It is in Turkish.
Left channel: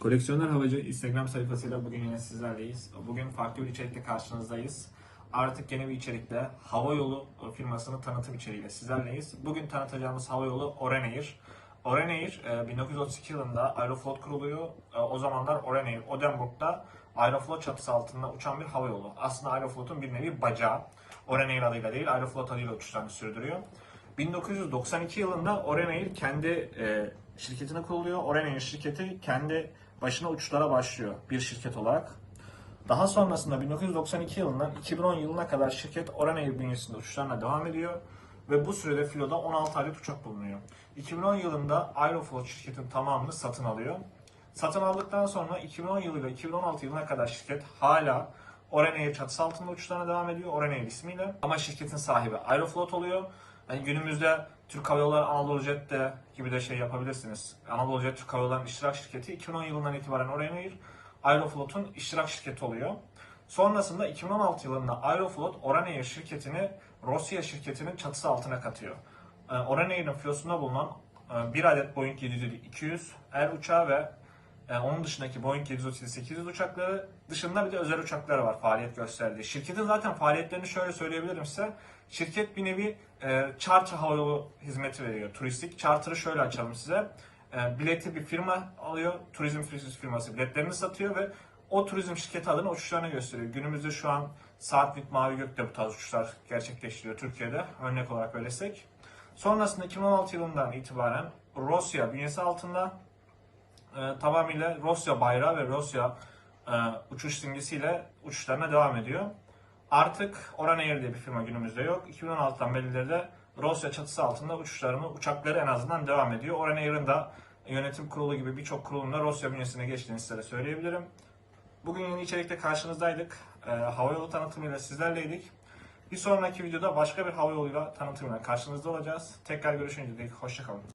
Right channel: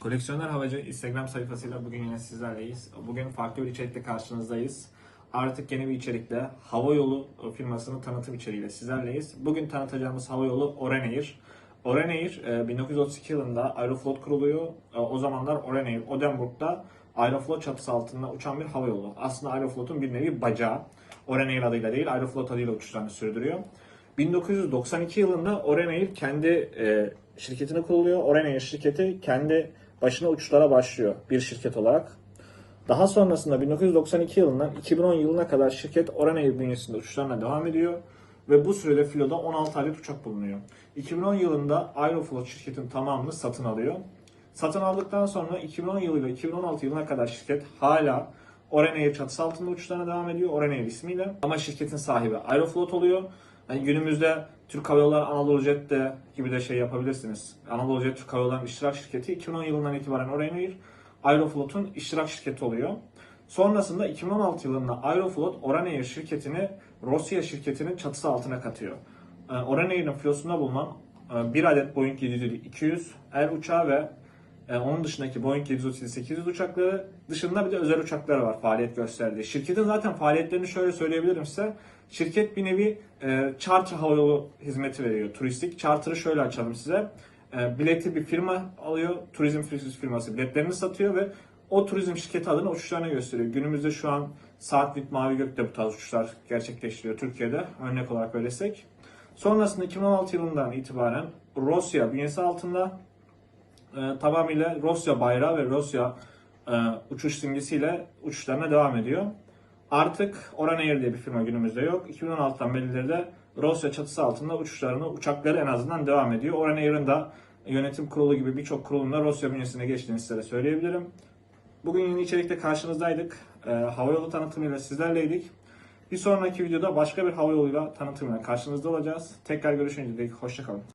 Koleksiyoner Havacı Instagram sayfasıyla bugün yine sizlerleyiz. Bugün farklı bir içerikte karşınızdayız. Artık yeni bir içerikte havayolu firmasının tanıtım içeriğiyle sizlerleyiz. Bugün tanıtacağımız havayolu Orenair. Orenair e, 1932 yılında Aeroflot kuruluyor. E, O zamanlar Orenair Odenburg'da Aeroflot çatısı altında uçan bir havayolu. Aslında Aeroflot'un bir nevi bacağı. Orenair adıyla değil Aeroflot adıyla uçuşlarını sürdürüyor. 1992 yılında Orenair kendi e, şirketini kuruluyor. Orenair şirketi kendi başına uçuşlara başlıyor bir şirket olarak. Daha sonrasında 1992 yılından 2010 yılına kadar şirket Orenair bünyesinde uçuşlarına devam ediyor ve bu sürede filoda 16 adet uçak bulunuyor. 2010 yılında Aeroflot şirketin tamamını satın alıyor. Satın aldıktan sonra 2010 yılıyla 2016 yılına kadar şirket hala Orenair çatısı altında uçuşlarına devam ediyor. Orenair ismiyle. Ama şirketin sahibi Aeroflot oluyor. Yani günümüzde Türk Hava Yolları Anadolu Jet de gibi de şey yapabilirsiniz. Anadolu Jet Türk Hava Yolları'nın iştirak şirketi 2010 yılından itibaren Orenair Aeroflot'un iştirak şirketi oluyor. Sonrasında 2016 yılında Aeroflot Orenair şirketini Rusya şirketinin çatısı altına katıyor. Yani Orenair'in filosunda bulunan e, bir adet Boeing 737-200 er uçağı ve e, onun dışındaki Boeing 737-800 uçakları dışında bir de özel uçakları var faaliyet gösterdiği. Şirketin zaten faaliyetlerini şöyle söyleyebilirim size. Şirket bir nevi e, charter havayolu hizmeti veriyor. Turistik. Charter'ı şöyle açalım size. E, bileti bir firma alıyor. Turizm firması biletlerini satıyor ve o turizm şirketi adına uçuşlarını gösteriyor. Günümüzde şu an Saatlik Mavi Gök'te bu tarz uçuşlar gerçekleştiriyor Türkiye'de. Örnek olarak öylesek. Sonrasında 2016 yılından itibaren Rusya bünyesi altında e, tamamıyla Rusya bayrağı ve Rusya e, uçuş simgesiyle uçuşlarına devam ediyor. Artık Orenair diye bir firma günümüzde yok. 2016'dan berileri de Rusya çatısı altında uçuşlarını, uçakları en azından devam ediyor. Orenair'in de yönetim kurulu gibi birçok kurulunda Rusya bünyesine geçtiğini size söyleyebilirim. Bugün yeni içerikte karşınızdaydık. E, havayolu tanıtımıyla sizlerleydik. Bir sonraki videoda başka bir havayoluyla tanıtımıyla karşınızda olacağız. Tekrar görüşünceye dek hoşçakalın.